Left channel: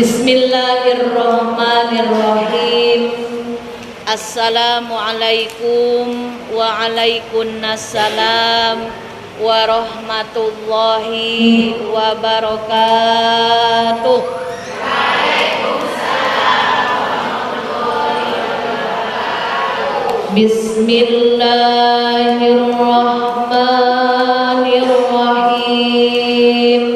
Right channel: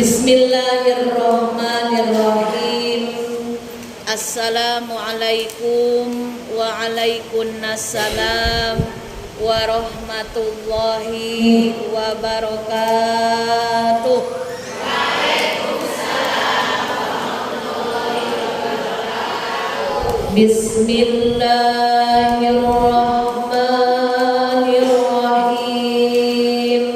Bismillahirrahmanirrahim. Assalamualaikum waalaikumsalam warahmatullahi wabarakatuh. Bismillahirrahmanirrahim.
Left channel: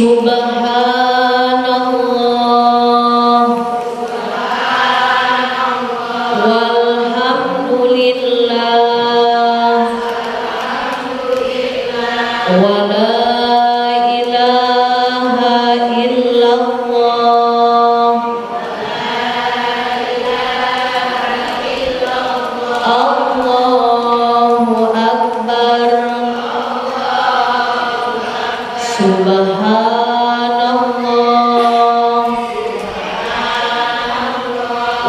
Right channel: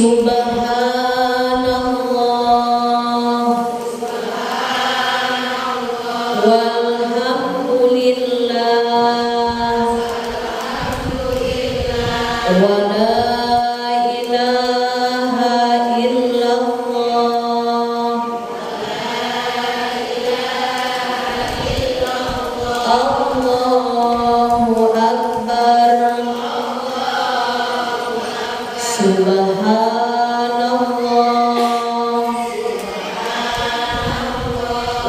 Subhanallah walhamdulillah wa la ilaha illallah Allahu akbar. Subhanallah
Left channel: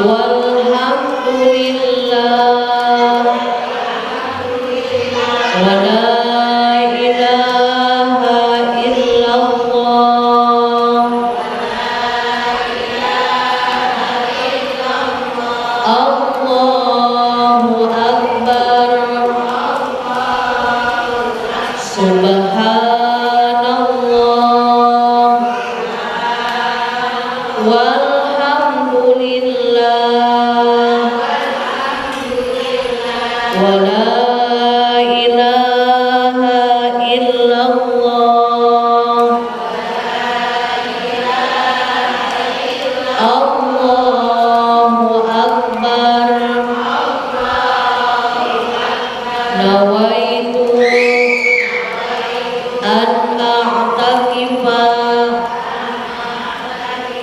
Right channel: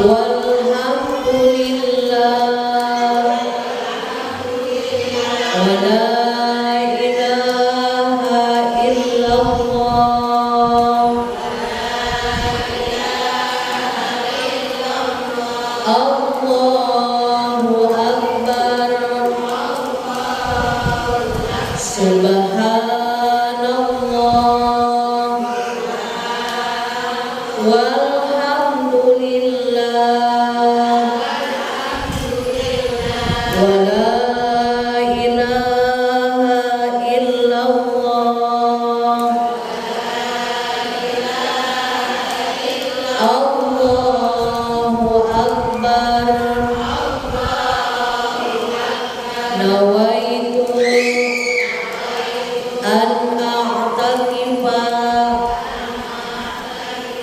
walhamdulillah wa la ilaha illallah Allahu akbar. Subhanallah walhamdulillah wa la ilaha illallah Allahu akbar. Nawaitu an a'takifa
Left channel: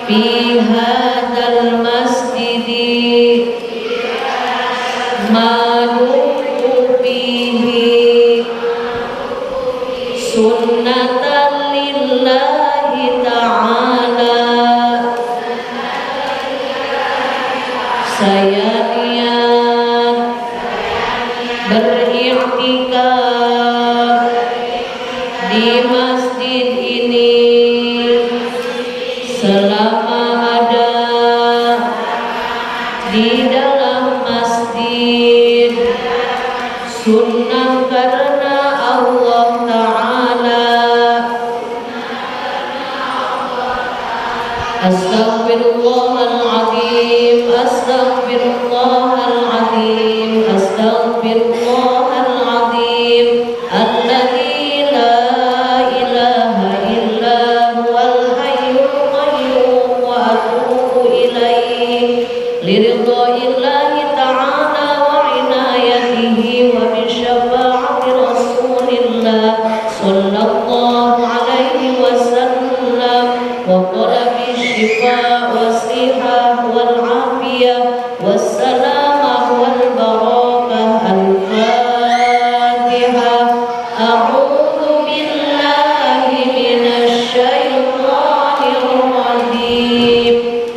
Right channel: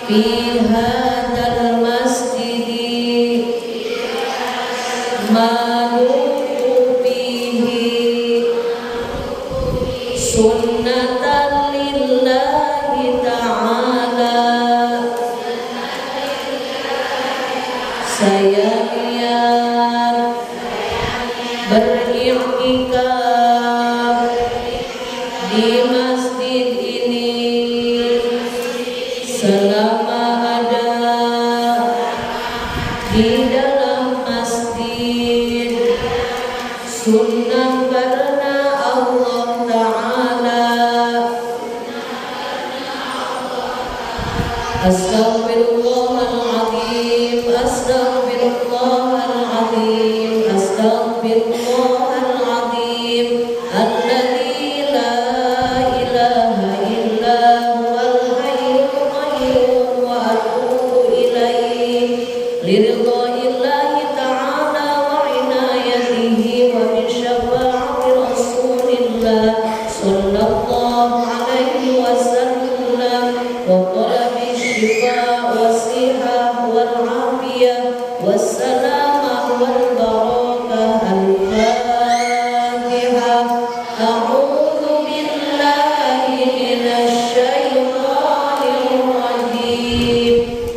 fi hadzal masjidi ma dumtu fihi sunnatan lillahi ta'ala. Saya niat beriktikaf di masjid ini selama ada di dalam masjid sunnah karena Allah Ta'ala. Astaghfirullahaladzim, astaghfirullahaladzim, astaghfirullahaladzim. Alladzi la ilaha illa huwal hayyul qayyum wa atubu ilaihi liridha'illahi ta'ala wa inayatihi wa bi syafa'ati rasulillah sallallahu alaihi wasallam wa talabi syifa wa sihah wal afiyah wassalamah wal barakah. Al-Fatihah. A'udzu billahi minasy syaithanir rajim.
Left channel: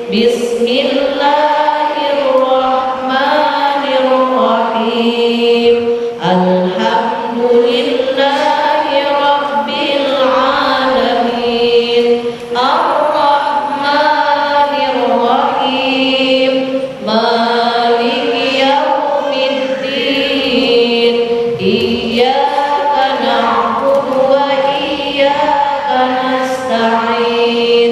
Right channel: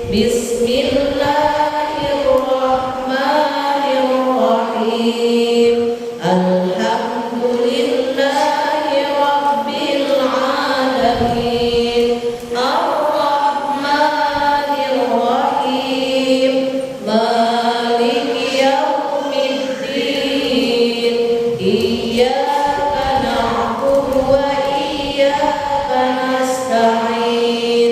Bismillahirrahmanirrahim. Alhamdulillahi rabbil alamin. Ar-Rahmanir Rahim. Maliki yaumiddin. Iyyaka na'budu wa iyyaka nasta'in.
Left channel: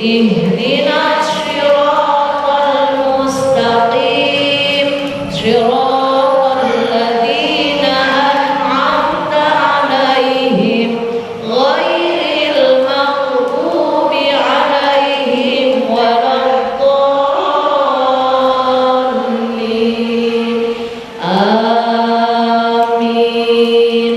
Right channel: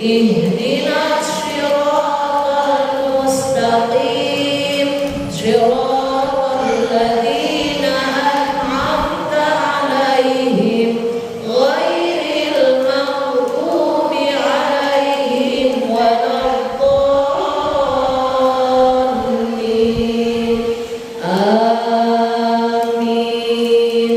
Ihdinas shiratal mustaqim. Shiratal ladzina an'amta 'alaihim ghairil maghdubi 'alaihim waladdallin. Amin.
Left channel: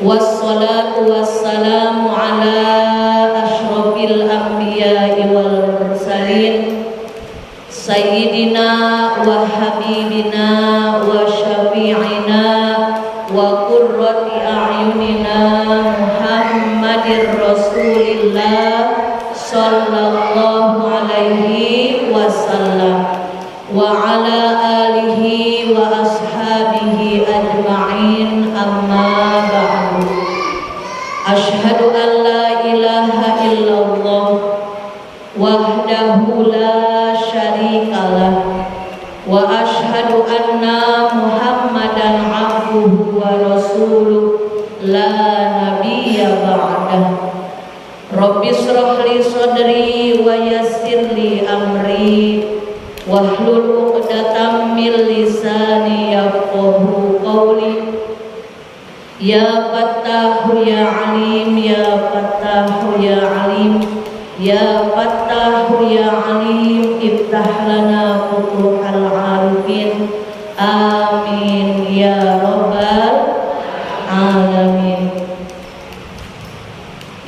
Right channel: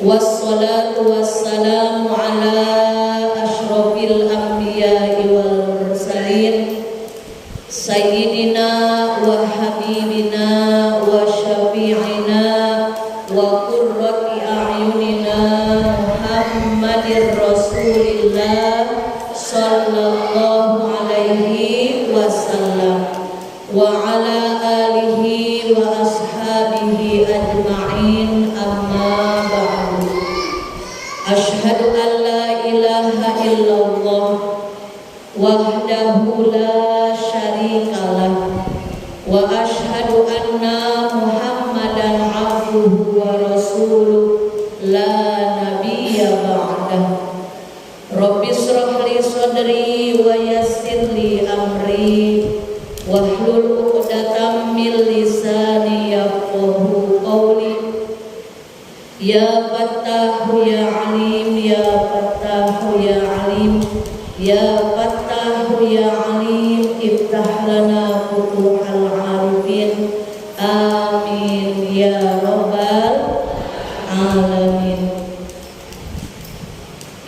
Wassalatu wassalamu ala asyrafil anbiya'i wal mursalin Sayyidina wa habibina wa syafi'ina wa qurrati a'yunina Muhammadir Rasulillah sallallahu alaihi wasallam wa ala alihi wa ashabihi ajma'in amma ba'du. Asyhadu an la ilaha illallah wahdahu la syarikalah wa asyhadu anna Muhammadan abduhu wa rasuluh la nabiyya ba'dah. Rabbi shrah li sadri wa yassir li amri wahlul 'uqdatam min lisani yafqahu qawli. Ya Fattahu ya Alim, ya Fattahu ya Alim, ya Fattahu ya Alim, iftah lana futuhal arifin. Amin ya rabbal alamin.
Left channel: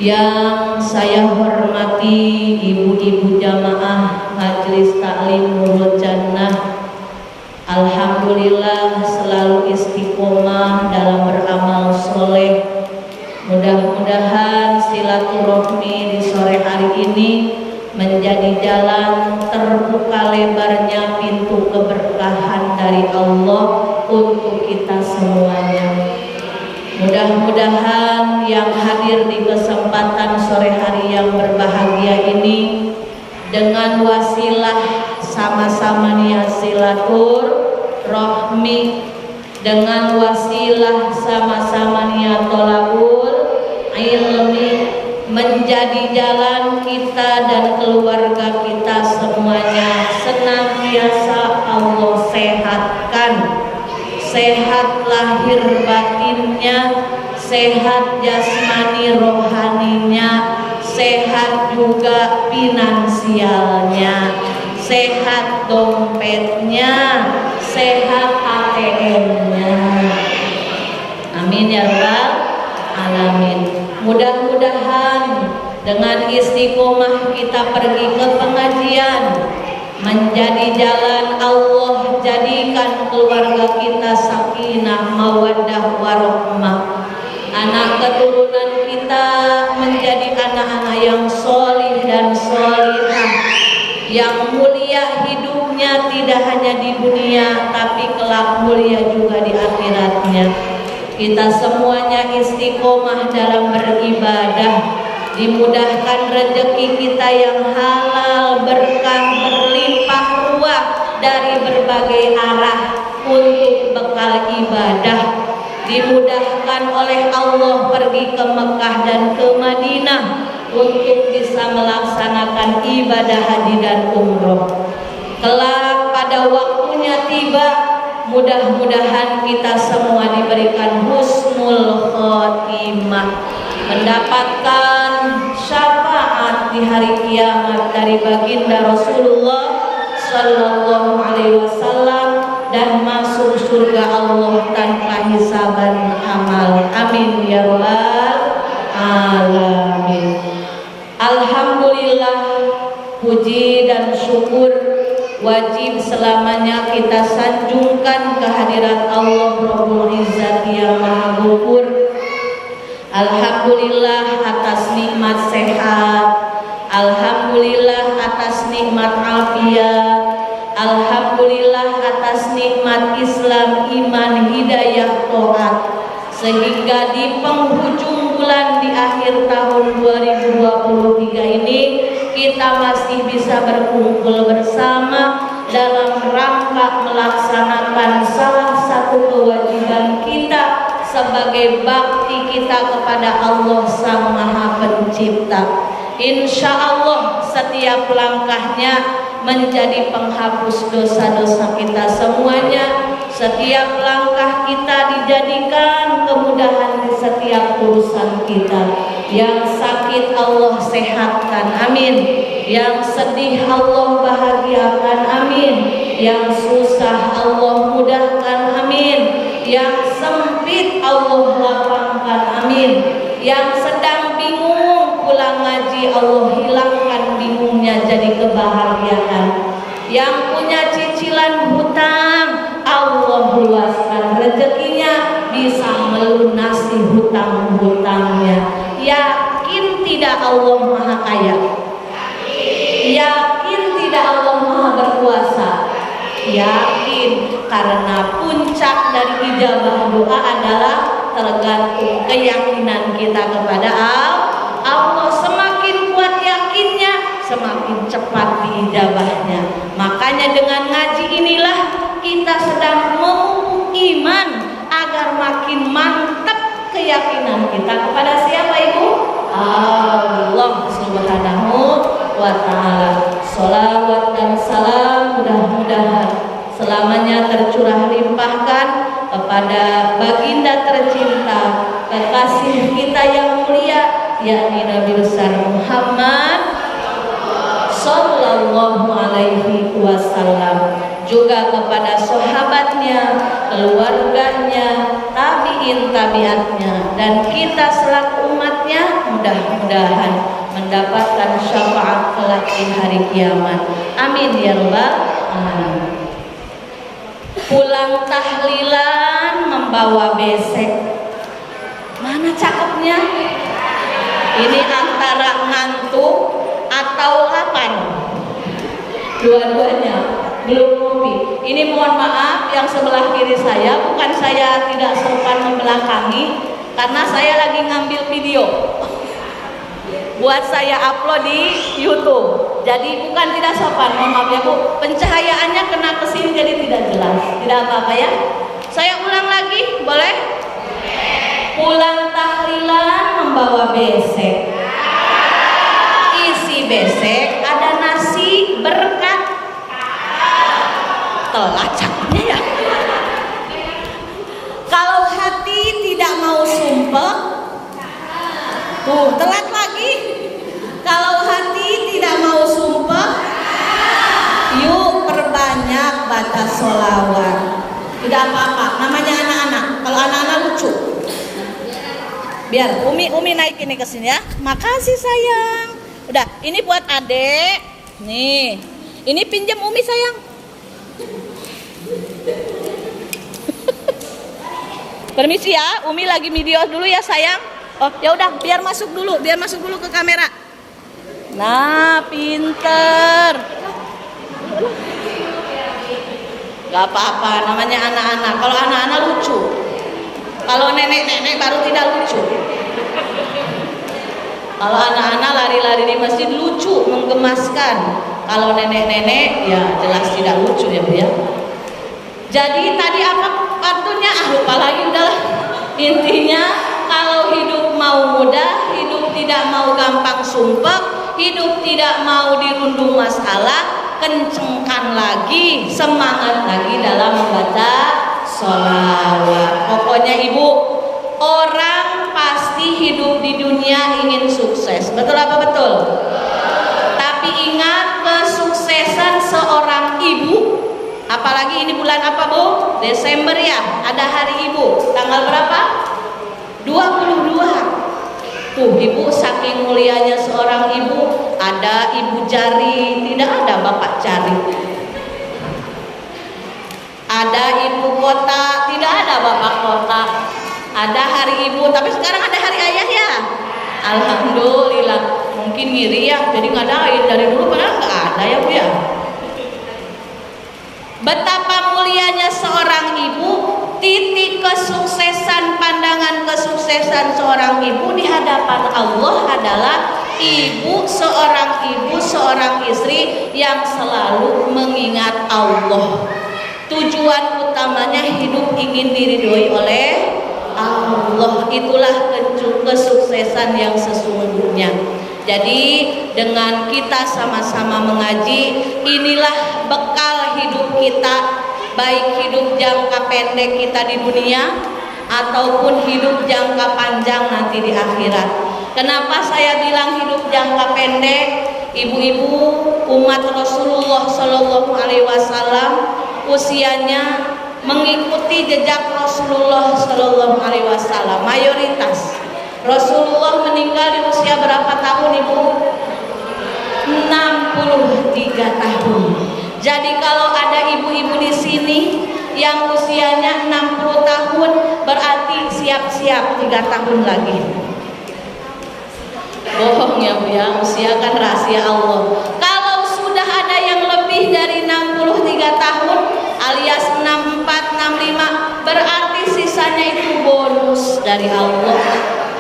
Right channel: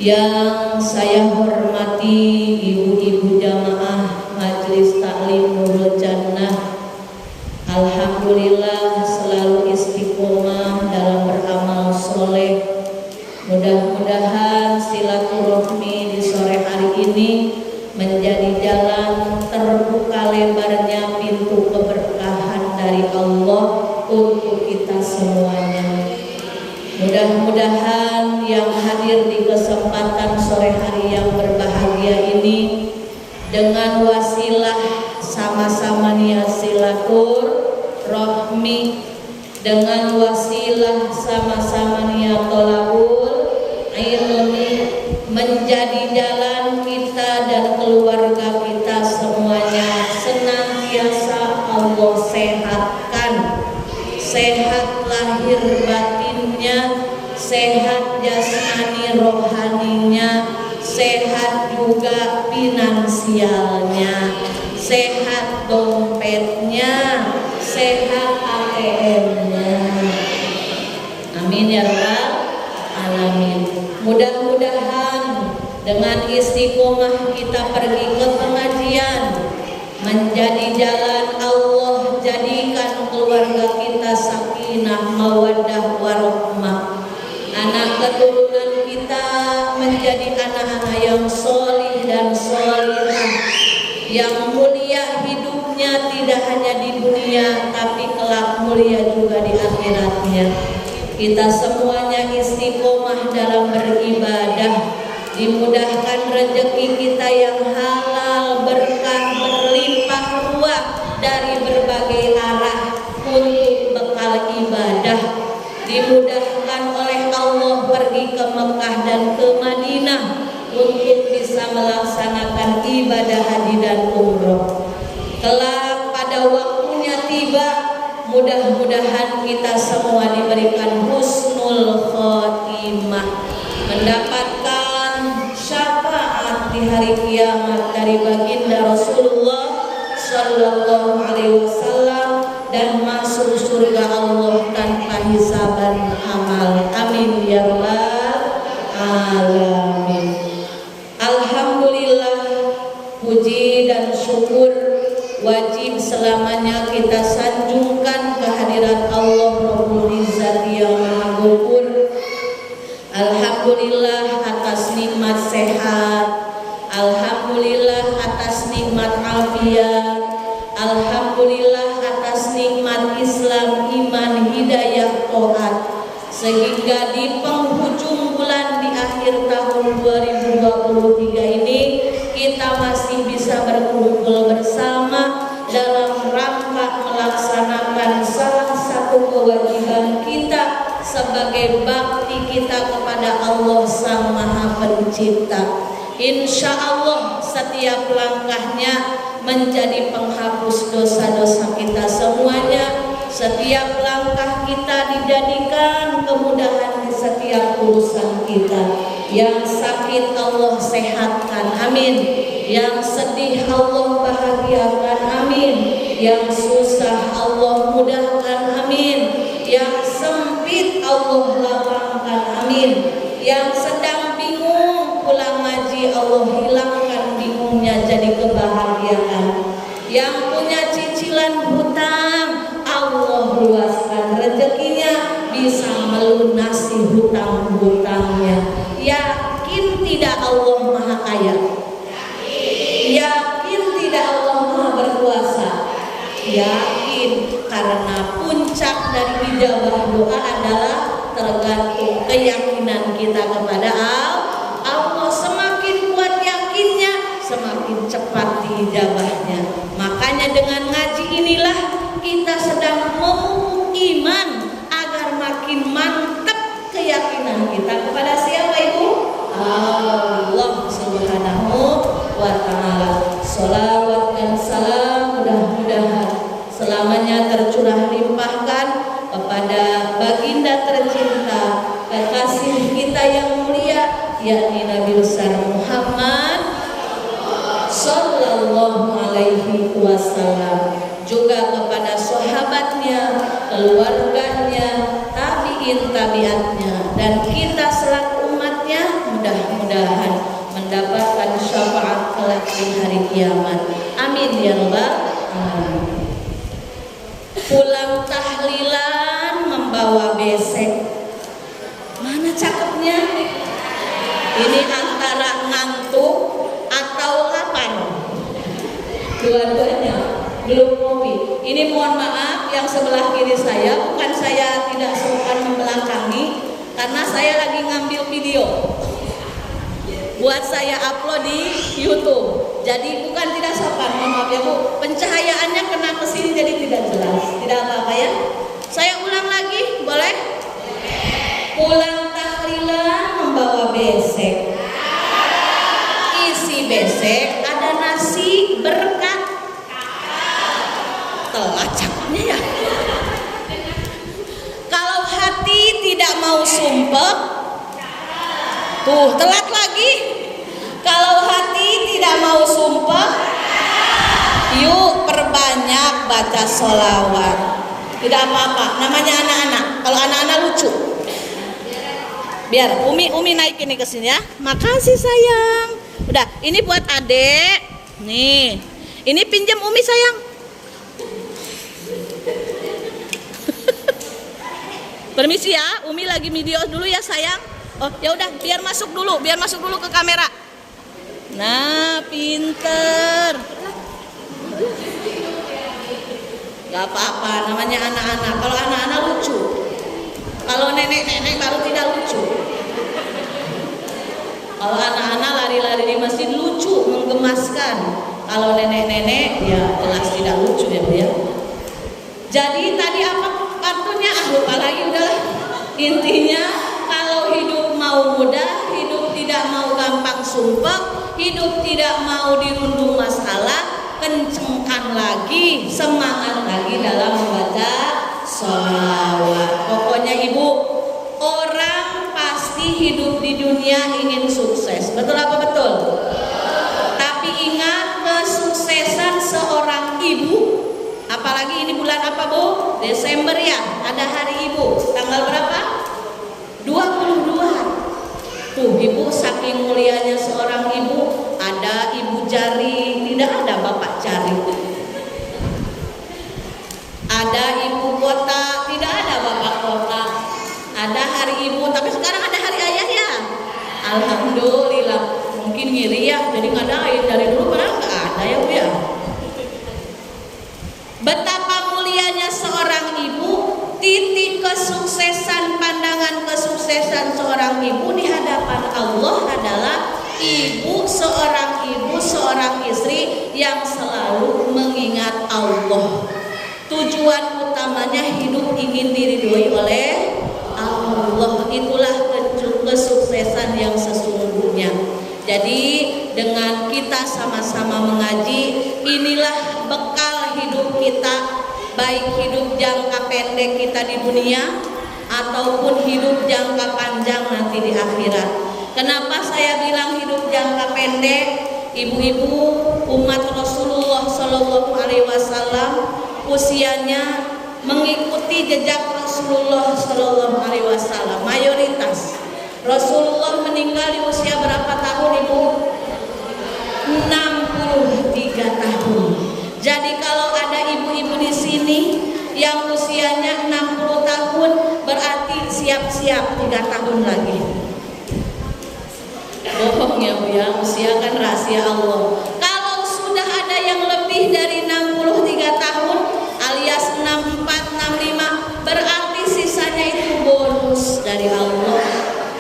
Yang saya hormati ibu-ibu jamaah Majelis Taklim Nurul Jannah, alhamdulillah selalu istiqomah dalam beramal soleh. Mudah-mudahan silaturahmi di sore hari ini menjadi jalan terbuka lebarnya pintu keberkahan dari Allah untuk kita semuanya. Mudah-mudahan yang hadir di kesempatan sore hari yang berbahagia ini dengan wasilah sama-sama niat silaturahmi, dengan wasilah sama-sama niat thalabul ilmi, menjadi jalan kita dan keluarga kita semuanya senantiasa Allah sehatkan, sehat lahir batinnya, sehat jasmani rohaninya, sehat juga finansialnya, sehat dompetnya, sehat ATM-nya. Amin ya rabbal alamin. Mudah-mudahan dengan istiqomah kita pergi ke pengajian, menjadi jalan Allah jadikan keluarga kita sakinah mawaddah warahmah. Anak keturunan kita menjadi anak-anak yang solih dan solihah, yang mulia hidupnya tidak hanya di dunia tapi kelak mulia juga di akhiratnya. Kita semuanya istiqomah dalam beribadah, dimudahkan rezeki kita yang halal, berkah, berlimpah ruah dari berbagai arah untuk bekal ibadah. Dimudahkan oleh Allah pergi ke Mekah dan ke Madinah untuk bisa melaksanakan ibadah haji dan umroh. Kelak pada waktunya tiba, mudah-mudahan kita semua diberikan husnul khotimah, mendapatkan syafaat di hari kiamat dari baginda Rasulullah sallallahu alaihi wasallam dan masuk surga Allah tanpa hisaban amal. Amin ya rabbal alamin. Alhamdulillah, puji dan syukur wajib selamanya kita sanjungkan kehadirat Allah Rabbul Izzat yang Maha Ghafur. Alhamdulillah atas nikmat sehat, alhamdulillah atas nikmat afiat, alhamdulillah atas nikmat Islam, iman, hidayah, taat, sehingga di penghujung bulan di akhir tahun 2023 ini kita masih bisa berkumpul bersama dalam rangka melaksanakan salah satu kewajiban kita sebagai bakti kita kepada Allah Sang Maha Pencipta. Insya Allah setiap langkahnya menjadi penghapus dosa-dosa kita semuanya. Setiap langkah kita dijadikan kemudahan di setiap urusan kita. Yang sakit Allah sehatkan, amin. Yang sedih Allah bahagiakan, amin. Yang susah Allah mudahkan, amin. Yang sempit Allah lapangkan, amin. lagi Allah hilangkan bingungnya jadi kebahagiaan. Yang punya cicilan hutang, Allah luaskan rezekinya, bisa melunasi hutang-hutangnya. Yakin tidak Allah Maha Kaya? Yakin tidak Allah Maha Berkuasa? Yakin, karena puncak dari ijabah doa adalah tergantung keyakinan kita kepada Allah. Semakin kuat yakinnya, semakin cepat diijabahnya. Makanya dengan ngaji inilah kita sedang memupuk iman agar makin mantap keyakinan kita kepada siapa Ibu? Allah Subhanahu wa Ta'ala. Sholawat dan salam mudah-mudahan selamanya tercurah limpahkan kepada baginda tercinta, kekasih kita yang mulia, yakni Nabi besar Muhammad Sallallahu Alaihi Wasallam, juga kepada sahabatnya, keluarganya, tabiin tabiatnya, dan kita selaku umatnya mudah-mudahan mendapatkan syafaat kelak di hari kiamat. Amin ya rabbal alamin. Pulang tahlilan membawa besek, mana cakepnya? Ini antara ngantuk atau lapar, dua-duanya belum kopi. Ini mohon maaf yang sebelah kiri saya, bukan saya tidak sopan membelakangi, karena saya lagi ngambil video buat saya upload di YouTube. Jadi bukan tidak sopan, mohon maaf ya Bu, pencahayaannya kena kesini jadi tidak jelas. Tidak apa-apa ya. Saya ulang lagi, boleh? Pulang tahlilan membawa besek. Isi besek ada nasi berkat. Telat cakapnya ya. Kalau hati tidak mau sumpah, tuh telat lagi. Kalau hati tidak mau sumpah, yuk perbanyak baca sholawat. Tidak apa-apa, namanya anak-anak. Kalau anak-anak lucu. Biar Umi naik ini ke sini ya. Makasih sayang. Udah, ini buat adek. Nih, ini pinjam Umi sayang. Permisi ya, Umi lagi video dulu ya sayang. Oh, ya udah, biar masuk dulu ke kamera. Nah, pinter. Gak apa-apa, namanya anak-anak. Kalau anak-anak lucu. Kalau nenek-nenek baru tidak lucu. Kalau anak-anak lari-lari di masjid lucu, menggemaskan. Kalau nenek-nenek ya jelas tidak lucu ya Bu ya. Jadi tadi apa artinya? Lupa lagi udahlah. Intinya kalau hidup mau mudah, hidup tidak mau gampang sumpah, hidup tidak mau dirundung masalah, kencengkan lagi, semangat lagi dalam membaca sholawat. Pokoknya Ibu, orang pasti hidup di dunia ingin sukses. Betul apa betul? Tapi ingat, kesuksesan seorang ibu, apalagi ini bulan apa Bu? Desember ya, ada hari ibu. Tanggal berapa? 22. Tuh Ibu, saking mulianya seorang ibu, ada ibu jari, tidak ada bapak jari. Ada ibu kota, tidak ada bapak kota. Ada hari ibu, tapi sekarang ada hari ayah ya. Alhamdulillah. Mungkin ngiri ya, jadi ngadain. Dari dulu padahal nggak ada ya Bu ya. Betapa mulianya seorang ibu, titik kesuksesan, pandangan kesuksesan seorang ibu di hadapan Allah adalah seorang istri yang selalu mengingat Allah. Tujuan utamanya hidup ingin diridhoi oleh Allah. Itulah kesuksesan yang sesungguhnya. Jadi dengan kita sama-sama mengaji, inilah bekal hidup kita, baik hidup jangka pendek kita di dunia ataupun hidup jangka panjang nanti di akhirat. Kenapa saya bilang hidup jangka pendek? Ibu-ibu umat Rasulullah Shallallahu Alaihi Wasallam usianya mengikuti jejak Rasulullah Shallallahu Alaihi Wasallam. Mayoritas Rasulullah meninggal di usia berapa tahun Ibu? siap 3 tahun lagi. Bohong ya Bu ya, usia kan rahasia Allah. Kalau sudah ada yang lebih dari 63 tahun alias 64, 65, berarti sisanya itu bonus dari Allah.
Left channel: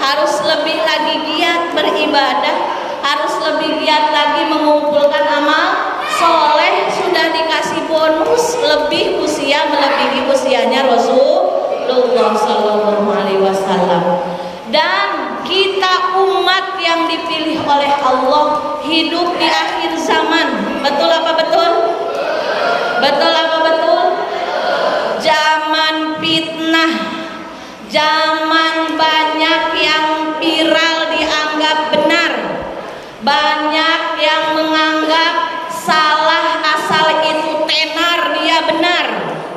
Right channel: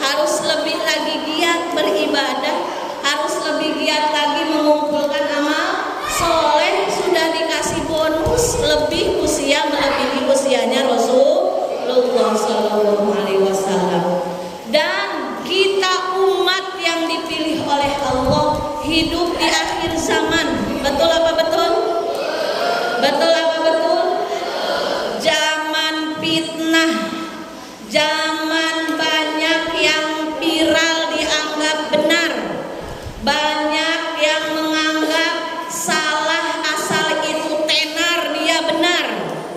Harus lebih lagi giat beribadah, harus lebih giat lagi mengumpulkan amal soleh. Sudah dikasih bonus lebih usia melebihi usianya Rasulullah Sallallahu Alaihi Wasallam. Dan kita umat yang dipilih oleh Allah hidup di akhir zaman. Betul apa betul? Betul apa betul? Zaman fitnah, zaman banyak yang viral dianggap benar, banyak yang menganggap salah asal itu tenar dia benar,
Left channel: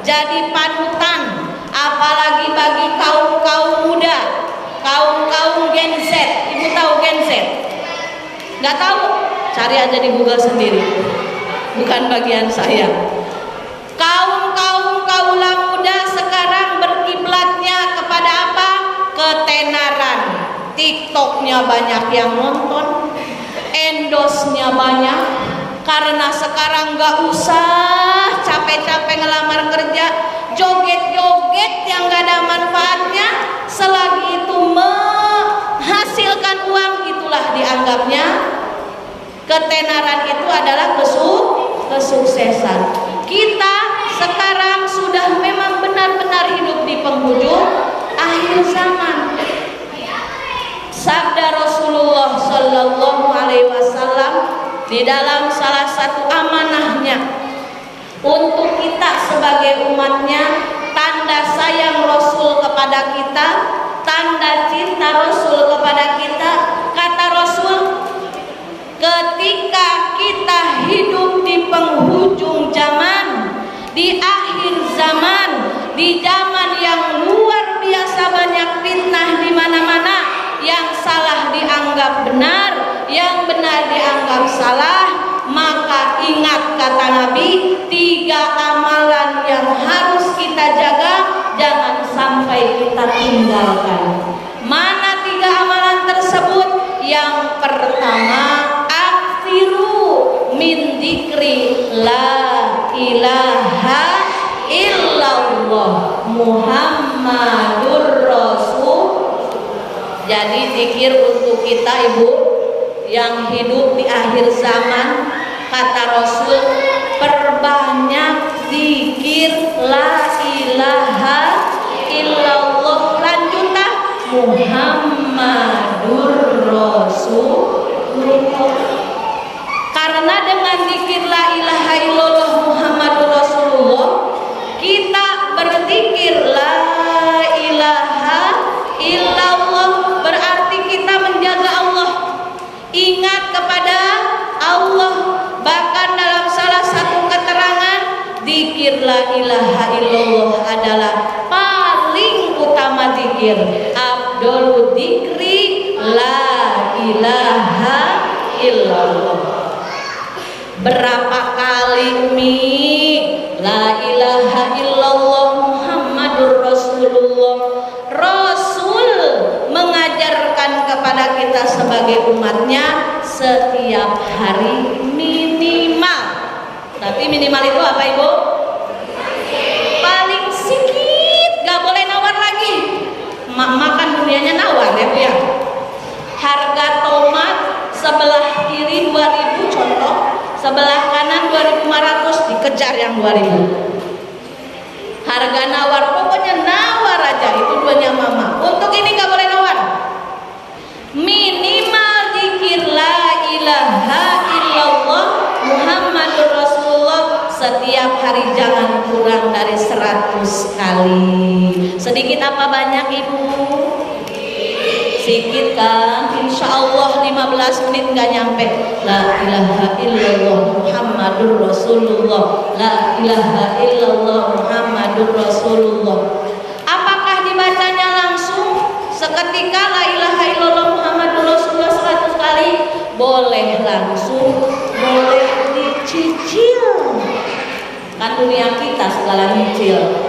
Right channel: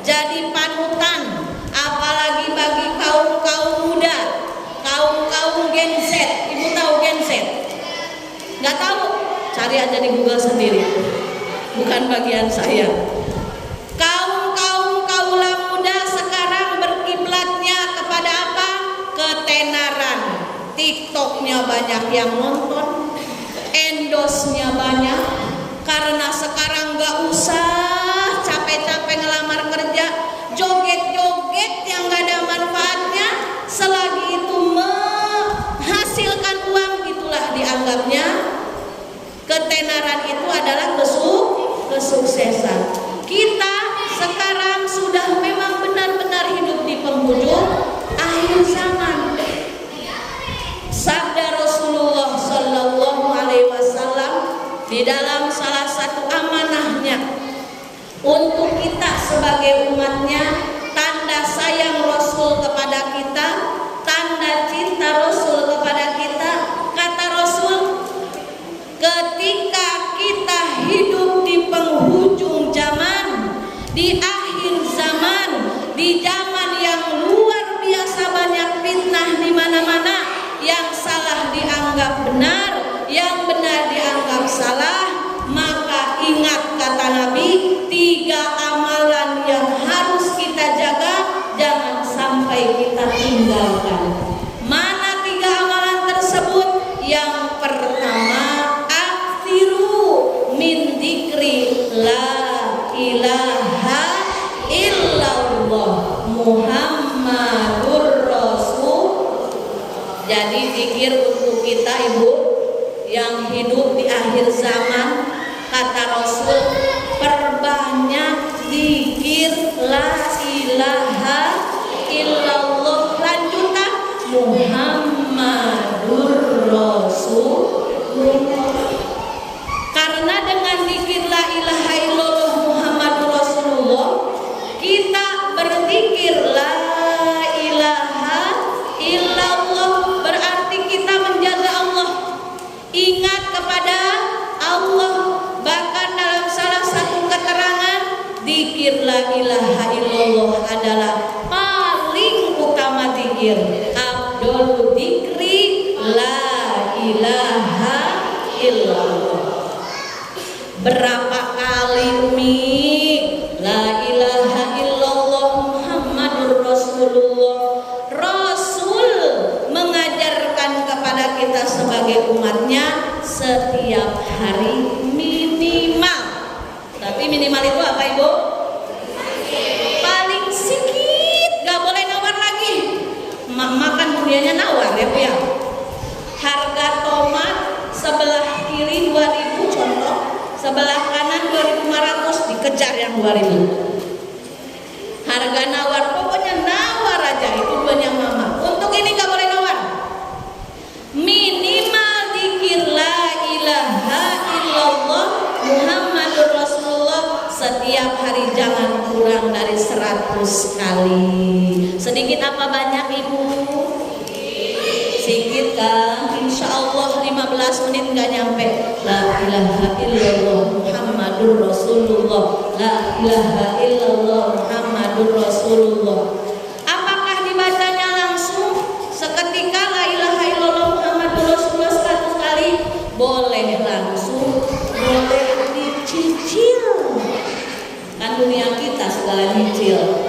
jadi panutan, apalagi bagi kaum muda, kaum Gen Z. Ibu tahu Gen Z? Nggak tahu? Cari aja di Google sendiri, bukan bagian saya. Kaula muda sekarang berkiblatnya kepada apa? Ketenaran. TikToknya banyak yang nonton, endosnya banyak, karena sekarang nggak usah capek-capek ngelamar kerja, joget-joget yang nggak ada manfaatnya, selagi itu menghasilkan uang, itulah dianggapnya ketenaran, itu adalah kesuksesan. Kita sekarang sudah memang benar-benar hidup di penghujung akhir zaman. Sabda Rasulullah Sallallahu Alaihi Wasallam di dalam salah satu amanahnya untuk kita sebagai umatnya, tanda sayang Rasul kepada kita, tanda cinta Rasul kepada kita, kata Rasul, ketika kita hidup di penghujung zaman, di akhir zaman, di zaman yang luar biasa banyak fitnah di mana-mana, yang salah dianggap benar, yang benar dianggap salah, maka ingat kata Nabi, 3 amalan yang harus kita jaga, jangan sampai kita tinggalkan. Mana 3 amalan tersebut? Yang pertama, aksiru min dzikri la ilaha illallah Muhammadur Rasul. Jadi zikir untuk kita ibu yang hidup di akhir zaman, kata Rasul, perbanyak zikir la ilaha illallah, lanjutan Muhammadur Rasulullah. Karena dengan zikir la ilaha illallah Muhammadur Rasulullah, kita berzikir la ilaha illallah, berarti kita menjaga Allah, ingat kepada Allah. Bahkan dalam salah satu keterangan, zikir la ilaha illallah adalah paling utama zikir. Abdul dzikri la ilaha illallah. Berapa kali Umi la ilaha illallah Muhammadur Rasulullah, Rasul mengajarkan kepada kita sebagai umatnya setiap hari minimal. Tapi minimal itu apa ibu? Paling sedikit, gak boleh nawar lagi. Makan dunianya nawar ya Bu ya. Harga tomat sebelah kiri 2.000 contoh, sebelah kanan 2.500, dikejar yang 2.000. Harga nawar, pokoknya nawar aja, itu duanya mama. Untuk ini gak boleh nawar. Minimal zikir la ilaha illallah Muhammadur Rasulullah setiap hari, jangan kurang dari 100 kali. Sedikit apa banyak ibu? Sedikit kan? Insya Allah 15 menit gak nyampe. La ilaha illallah Muhammadur Rasulullah, la ilaha illallah Muhammadur Rasulullah. Apakah dibacanya langsung seketika la ilaha illallah Muhammadur Rasulullah 100 kali? Boleh langsung, boleh dicicil. Kan dunia kita segala nyicil.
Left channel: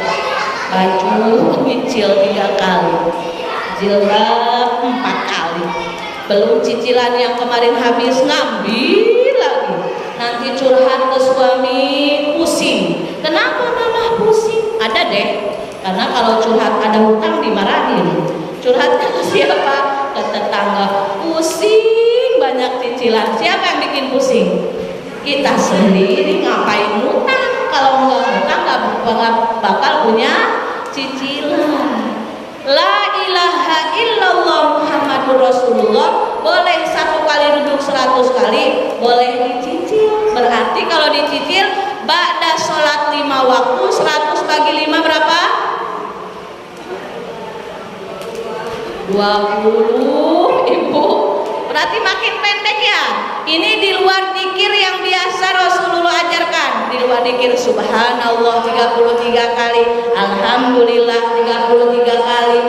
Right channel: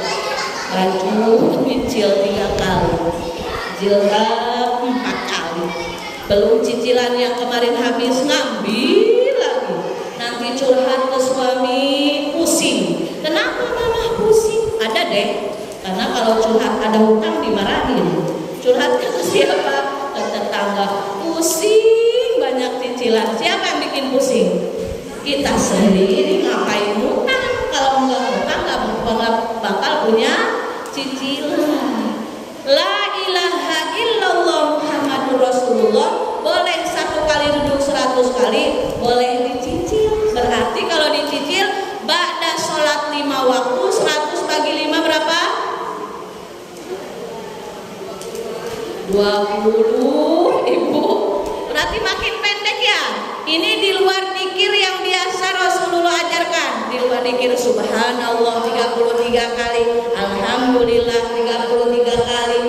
Baik dulu nyicil 3 kali. jilbab 4 kali. Belum cicilan yang kemarin habis ngambil lagi. Nanti curhat ke suami pusing. Kenapa mama pusing? Ada deh. Karena kalau curhat ada hutang dimarahin. Curhat ke siapa? Ke tetangga. Pusing banyak cicilan. Siapa yang bikin pusing? Kita sendiri. Ngapain hutang? Kalau nggak hutang nggak bakal punya cicilan. La ilaha illallah Muhammadur Rasulullah boleh 1 kali duduk 100 kali, boleh dicicil. Berarti kalau dicicil ba'da sholat 5 waktu 100 bagi 5 berapa? 20 ibu. Berarti makin pendek ya. Ini di luar zikir yang biasa Rasulullah ajarkan. Di luar zikir subhanallah 33 kali, alhamdulillah 33 kali,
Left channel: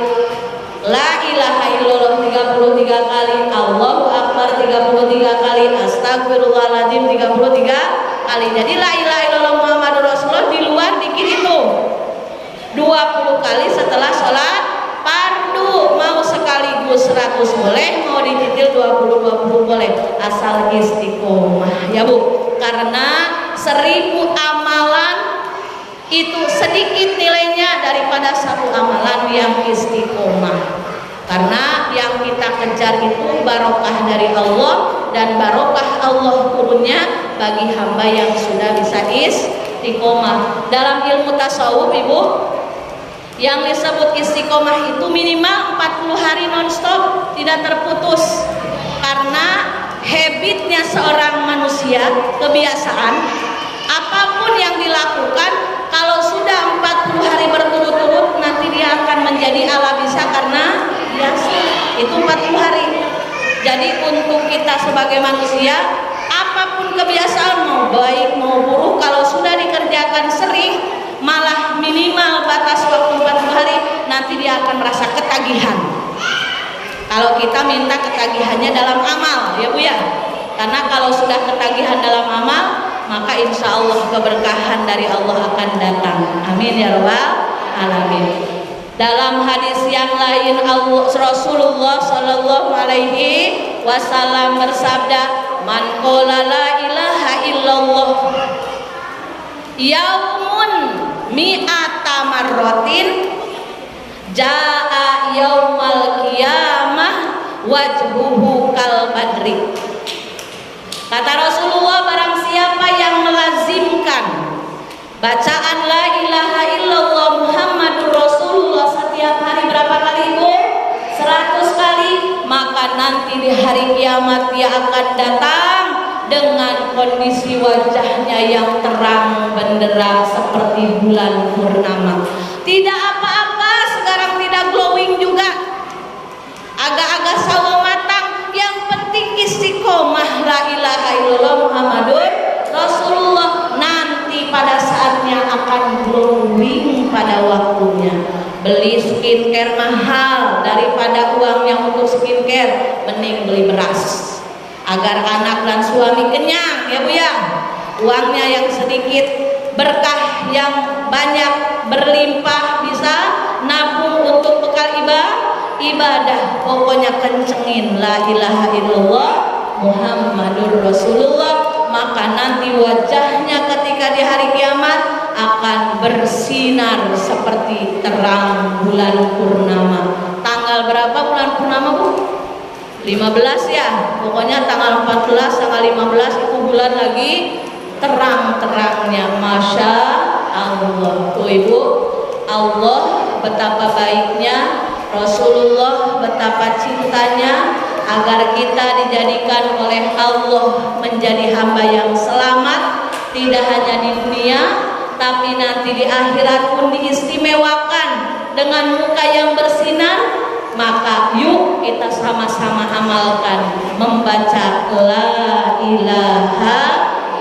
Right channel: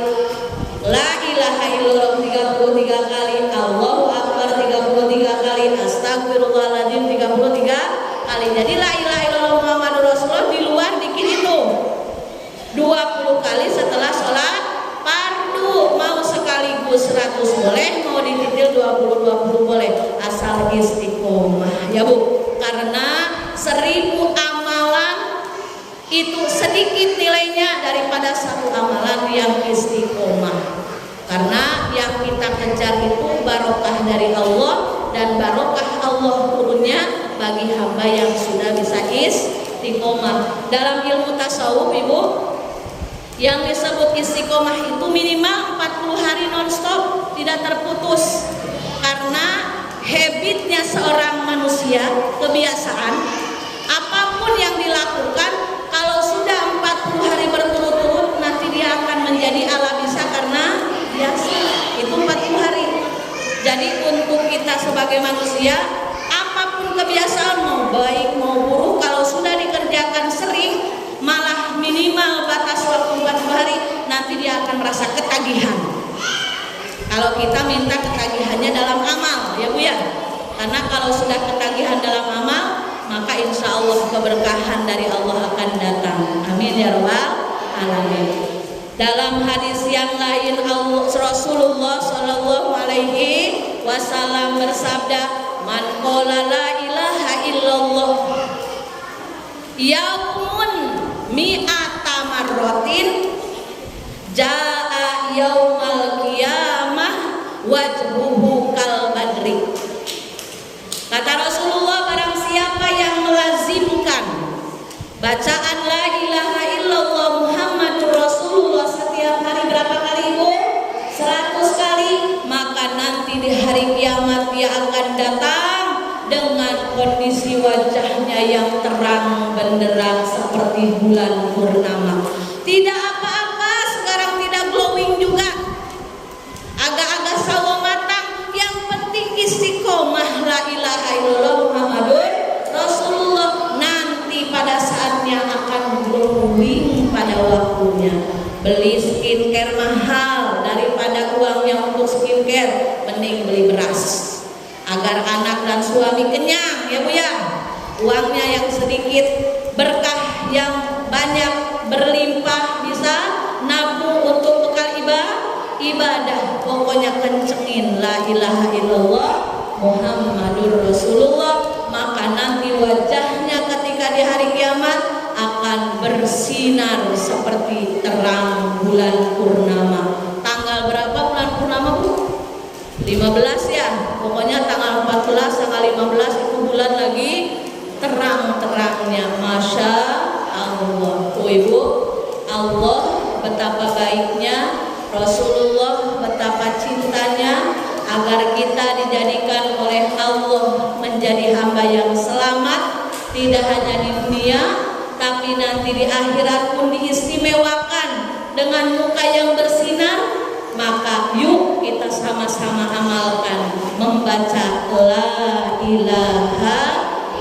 la ilaha illallah 33 kali, Allahu akbar 33 kali, astagfirullahaladzim 33 kali. Jadi la ilaha illallah Muhammadur Rasulullah di luar zikir itu 20 kali setelah sholat fardu. Mau sekaligus 100 boleh, mau dicicil 20 boleh, asal istiqomah ya Bu. Karena 1000 amalan itu sedikit nilainya daripada 1 amalan yang istiqomah. Karena yang kita kejar itu barokah dari Allah, dan barokah Allah turunnya bagi hamba yang sudah bisa istiqomah. Dalam ilmu tasawuf Ibu, yang disebut istiqomah itu minimal 40 hari nonstop, tidak terputus. Karena habitnya seorang manusia, kebiasaan, apapun yang dilakukan, kalau sudah 40 hari berturut-turut, nanti dia akan menjadi ala bisa karena biasa. Itu 40 hari. Jadi untuk kita sebagai manusia, apapun kebiasaan, mau baik mau buruk, kalau sudah dikerjakan sering, malah minimal batas waktu 40 hari, nanti dia akan merasa ketagihan. Kalau kita minta ketagihannya dalam amal ya Bu ya. Karena kalau sudah ketagihan dalam amal, maka insya Allah keberkahan dari Allah akan datang. Amin ya rabbal alamin. Dalam hadis yang lain Rasulullah Shallallahu Alaihi Wasallam bersabda, man qala la ilaha illallah yaumun mi'ata marratin jaa yaumal qiyamah wajhuhu kal badri. Kata Rasulullah, barang siapa yang melazimkan bacaan la ilaha illallah Muhammadur Rasulullah setiap hari berapa kali Bu? 100 kali, maka nanti di hari kiamat dia akan datang dengan kondisi wajahnya yang terang benderang seperti bulan purnama. Tidak apa-apa, sekarang tidak glowing juga, agak-agak sawo matang, yang penting istiqomah la ilaha illallah Muhammadur Rasulullah. Nanti pada saatnya akan glowing pada waktunya. Beli skincare mahal, daripada uangnya untuk skincare, mending beli beras agar anak dan suami kenyang ya Bu ya. Uangnya yang sedikit, berkah yang banyak berlimpah, bisa nabung untuk bekal ibadah. Pokoknya kencengin la ilaha illallah Muhammadur Rasulullah, maka nanti wajahnya ketika di hari kiamat akan bersinar seperti terang bulan purnama. Tanggal berapa bulan purnama Bu? 15 ya. Pokoknya tanggal 14, tanggal 15 itu bulan lagi terang-terangnya. Masya Allah. Tuh Ibu, Allah betapa baiknya, Rasulullah betapa cintanya agar kita dijadikan oleh Allah menjadi hamba yang selamat, tidak hanya di dunia tapi nanti di akhirat pun diistimewakan dengan muka yang bersinar. Maka yuk kita sama-sama amalkan membaca la ilaha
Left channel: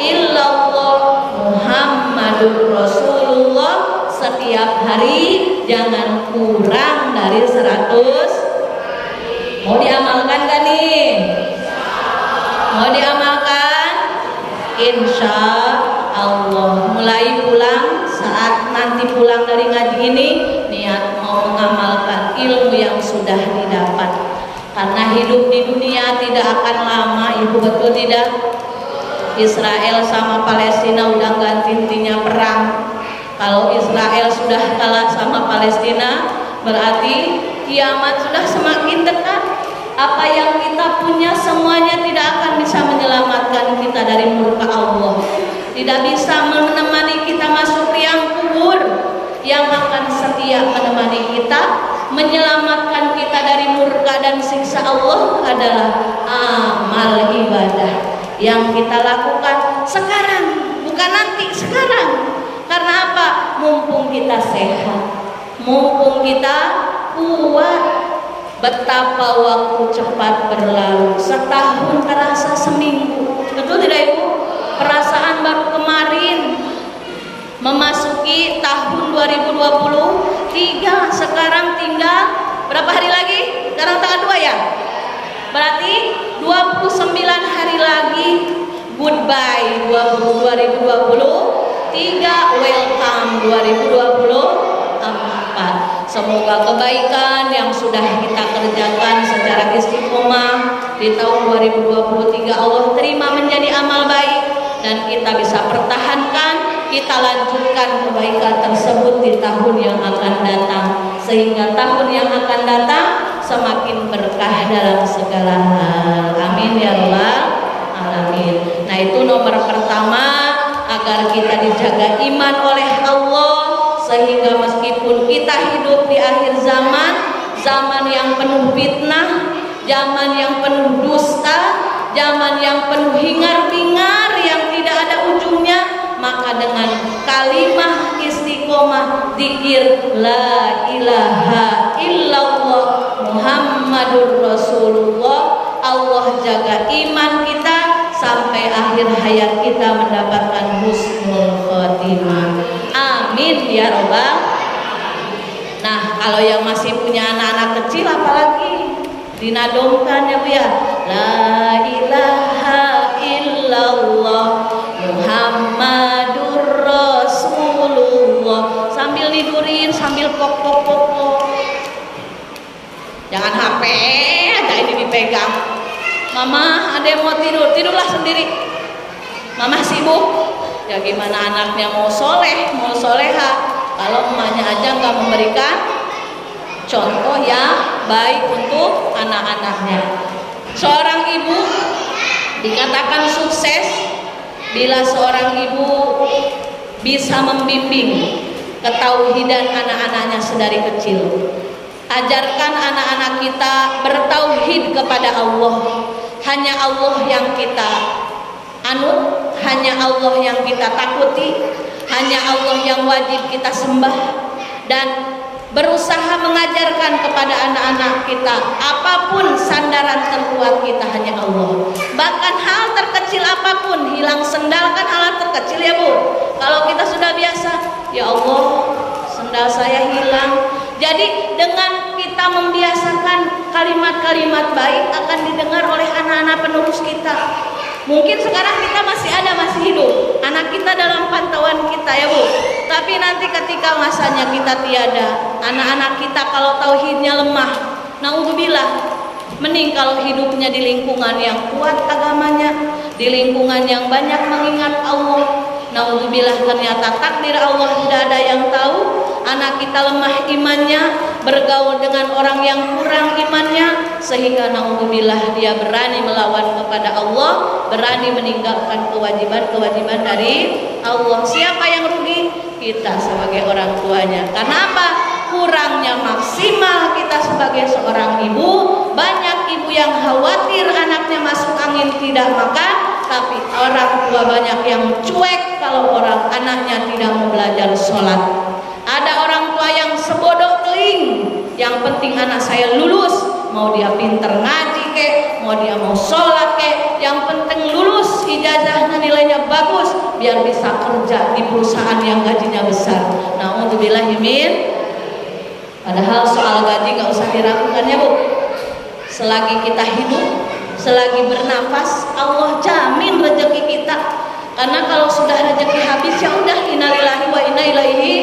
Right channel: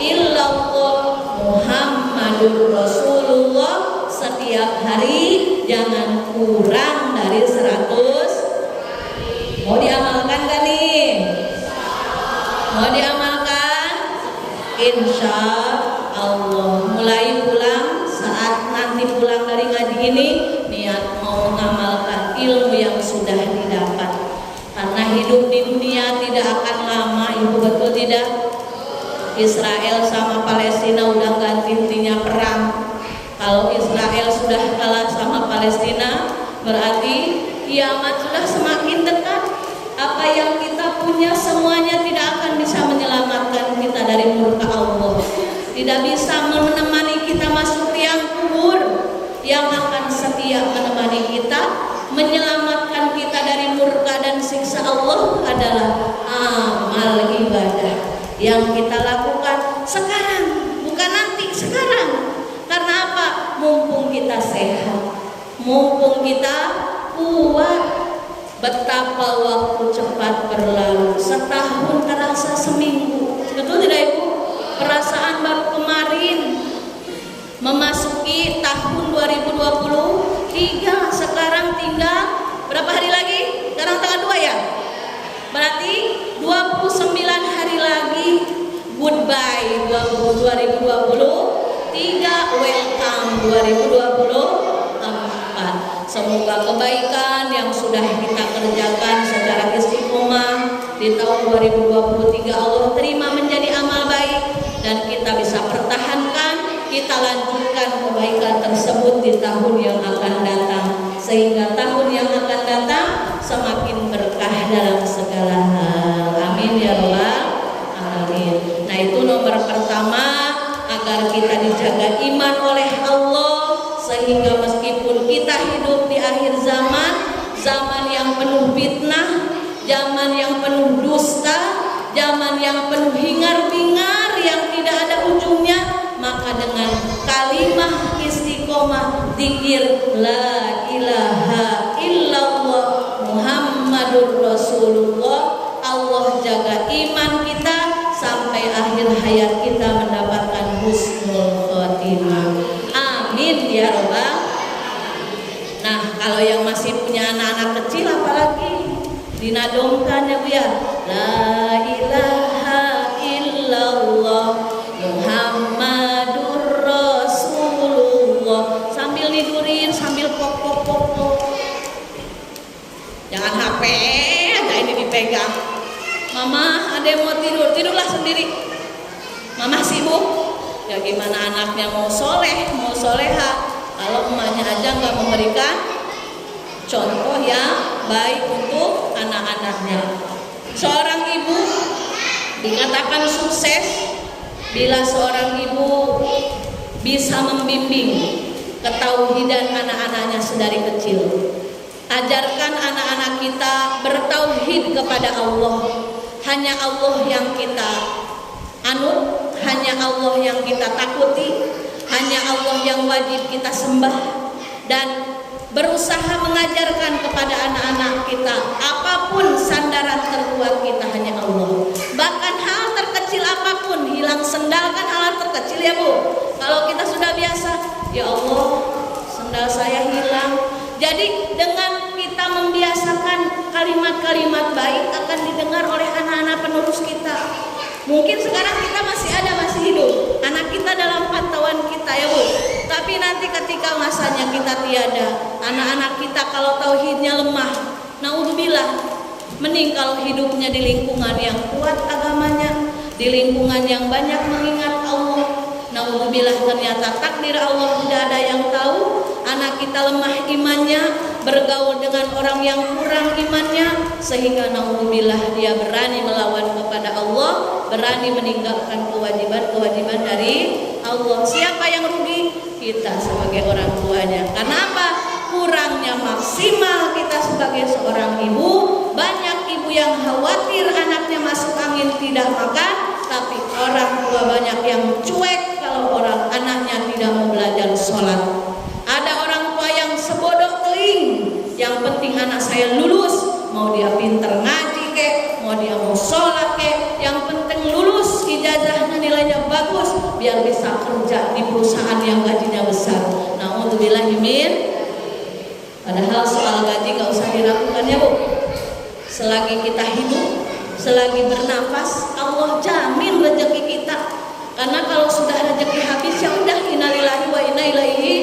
illallah Muhammadur Rasulullah setiap hari, jangan kurang dari 100. Mau diamalkan gak nih? Mau diamalkan? Insya Allah. Mulai pulang, saat nanti pulang dari ngaji ini, niat mau mengamalkan. ilmu yang sudah didapat. Karena hidup di dunia tidak akan lama, ibu, betul tidak? Israel sama Palestina udah ganti-gantinya perang. Kalau Israel sudah kalah sama Palestina, berarti kiamat sudah semakin dekat. Apa yang kita punya semuanya tidak akan bisa menyelamatkan kita dari murka Allah. Tidak bisa menemani kita masuk liang kubur. Yang akan setia menemani kita, menyelamatkan kita dari murka dan siksa Allah adalah amal ibadah yang kita lakukan sekarang, bukan nanti, sekarang. Karena apa? Mumpung kita sehat, mumpung kita kuat. Betapa waktu cepat berlalu, setahun terasa seminggu. Betul tidak ibu? Perasaan baru kemarin memasuki tahun 2023. Sekarang tinggal berapa hari lagi? Sekarang tanggal 2 ya? Berarti 29 hari lagi. Goodbye 2023, welcome 2024. Semoga kebaikan yang sudah kita kerjakan secara istiqomah di tahun 2023 Allah terima menjadi amal baik, dan kita bisa pertahankan, kita lanjutkan kebaikan tersebut di tahun yang akan datang, sehingga tahun yang akan datang semakin berkah dalam segala hal. Amin ya rabbal alamin. Nah, itu nomor pertama, agar kita dijaga iman oleh Allah, sehingga meskipun kita hidup di akhir zaman, zaman yang penuh fitnah, zaman yang penuh dusta, zaman yang penuh hingar-bingar yang tidak ada ujungnya, maka dengan kalimah istiqomah zikir la ilaha illallah Muhammadur Rasulullah, Allah jaga iman kita sampai akhir hayat kita mendapatkan husnul khotimah. Amin ya robbal. Nah, kalau yang masih punya anak-anak kecil apalagi dinadomkan ya Bu ya. La ilaha illallah Muhammadur Rasulullah. Sambil tidurin, sambil pok. Jangan HP aja ini dipegang. Mama, ada yang mau tidur, tidurlah sendiri. Mama sibuk. Ya gimana anaknya mau soleh, mau soleha, kalau emaknya aja nggak memberikan contoh yang baik untuk anak-anaknya. Seorang ibu dikatakan sukses bila seorang ibu bisa membimbing ketauhidan anak-anaknya sedari kecil. Ajarkan anak-anak kita bertauhid kepada Allah. Hanya Allah yang kita anut, hanya Allah yang kita takuti, hanya Allah yang wajib kita sembah, dan berusaha mengajarkan kepada anak-anak kita apapun sandaran terkuat kita hanya Allah. Bahkan hal terkecil apapun, hilang sendal kan hal terkecil ya Bu. Kalau kita sudah biasa, ya Allah sendal saya hilang. Jadi dengan kita membiasakan kalimat-kalimat baik akan didengar oleh anak-anak penerus kita. Mungkin sekarang kita masih hidup, anak kita dalam pantauan kita ya Bu. Tapi nanti ketika masanya kita tiada, anak-anak kita kalau tauhidnya lemah, naudzubillah, mending kalau hidupnya di lingkungan yang kuat agamanya, di lingkungan yang banyak mengingat Allah. Naudzubillah, ternyata takdir Allah tidak ada yang tahu. Anak kita lemah imannya, bergaul dengan orang yang kurang imannya, sehingga naudzubillah dia berani melawan kepada Allah, berani meninggalkan kewajiban-kewajiban dari Allah. Siapa yang rugi? Kita sebagai orang tuanya. Karena apa? Kurangnya maksimal kita sebagai seorang ibu. Banyak ibu yang khawatir anaknya masuk angin tidak makan, tapi orang tua banyak yang cuek kalau orang anaknya tidak mau belajar sholat. Ada orang tua yang sebodoh teling, yang penting anak saya lulus, mau dia pinter ngaji kek, mau dia mau sholat kek, yang penting lulus, ijazahnya nilainya bagus, biar bisa kerja di perusahaan yang gajinya besar. Naudzubillah min. Padahal soal gaji gak usah diragukan ya Bu. Selagi kita hidup, selagi bernafas, Allah jamin rezeki kita. Karena kalau sudah rezeki habis, ya udah, innalillahi wa inna ilaihi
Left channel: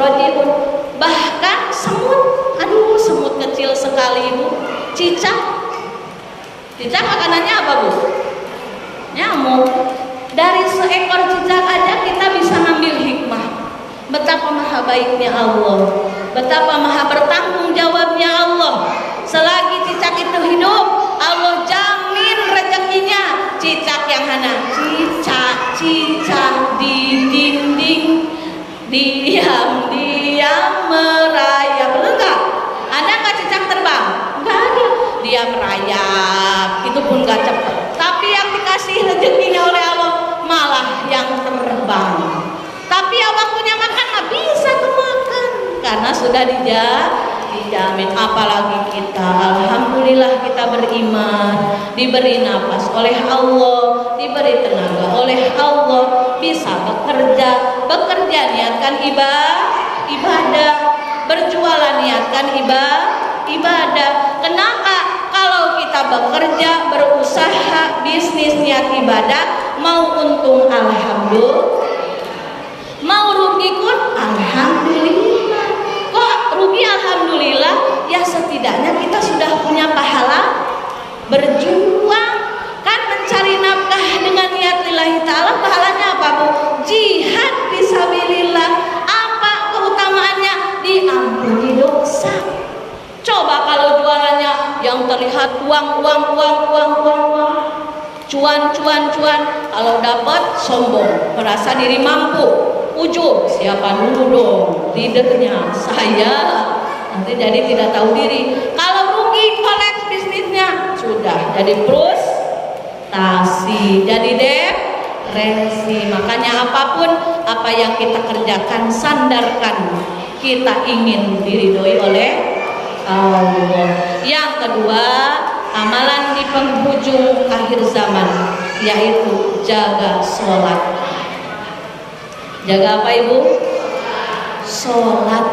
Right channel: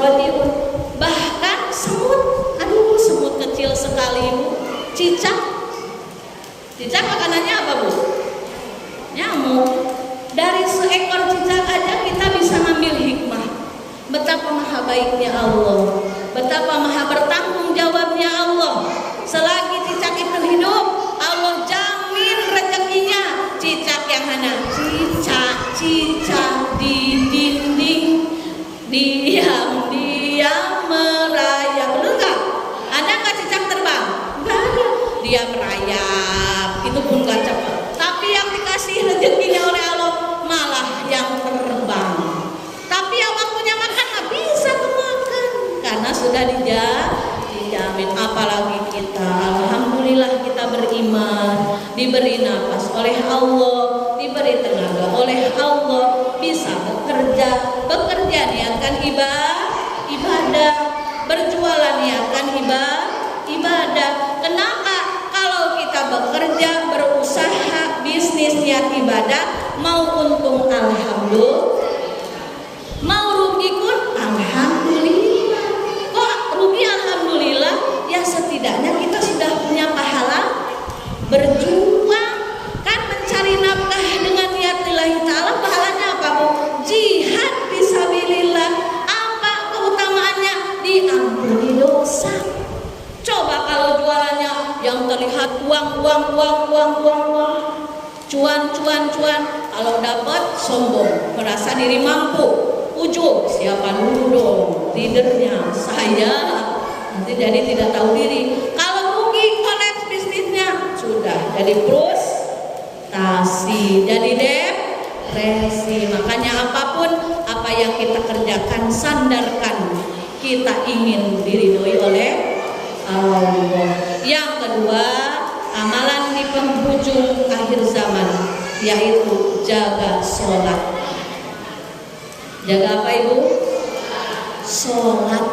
rajiun. Bahkan semut, aduh semut kecil sekali Bu. Cicak. Cicak makanannya apa Bu? Nyamuk. Dari seekor cicak aja kita bisa ngambil hikmah. Betapa maha baiknya Allah, betapa maha bertanggung jawabnya Allah. Selagi cicak itu hidup, Allah jamin rezekinya. Cicak yang mana? Cicak di dinding, diam merayap. Betul nggak? Ada nggak cicak terbang? Nggak ada. Dia merayap, itu pun nggak cepat. Tapi yang dikasih rezekinya oleh Allah malah yang terbang. Tapi yang waktunya makan nggak bisa kemakan karena sudah dijamin. Apalagi kita, alhamdulillah kita beriman, diberi nafas oleh Allah, diberi tenaga oleh Allah, bisa bekerja niatkan ibadah, berjualan niatkan ibadah. Kenapa? Kalau kita bekerja, berusaha, bisnis niat ibadah, mau untung alhamdulillah, mau rugi pun alhamdulillah. Kok rugi alhamdulillah? Ya setidaknya kita sudah punya pahala berjuang. Kan mencari nafkah dengan niat lillahi ta'ala, pahalanya apa Bu? Jihad fisabilillah. Apa keutamaannya? Diampuni dosa. Coba kalau jualannya yang terlihat uang, cuan, kalau dapat sombong, merasa diri mampu, ujub, siapa dulu dong, leadernya saya, nanti jadi tidak tahu diri. Kalau rugi, kolaps bisnisnya, sudah jadi frustasi, jadi depresi. Makanya apapun apa yang kita kerjakan, sandarkan kita ingin diridhoi oleh Allah. Yang kedua, amalan di penghujung akhir zaman, yaitu jaga sholat. Jaga apa Ibu? Sholat.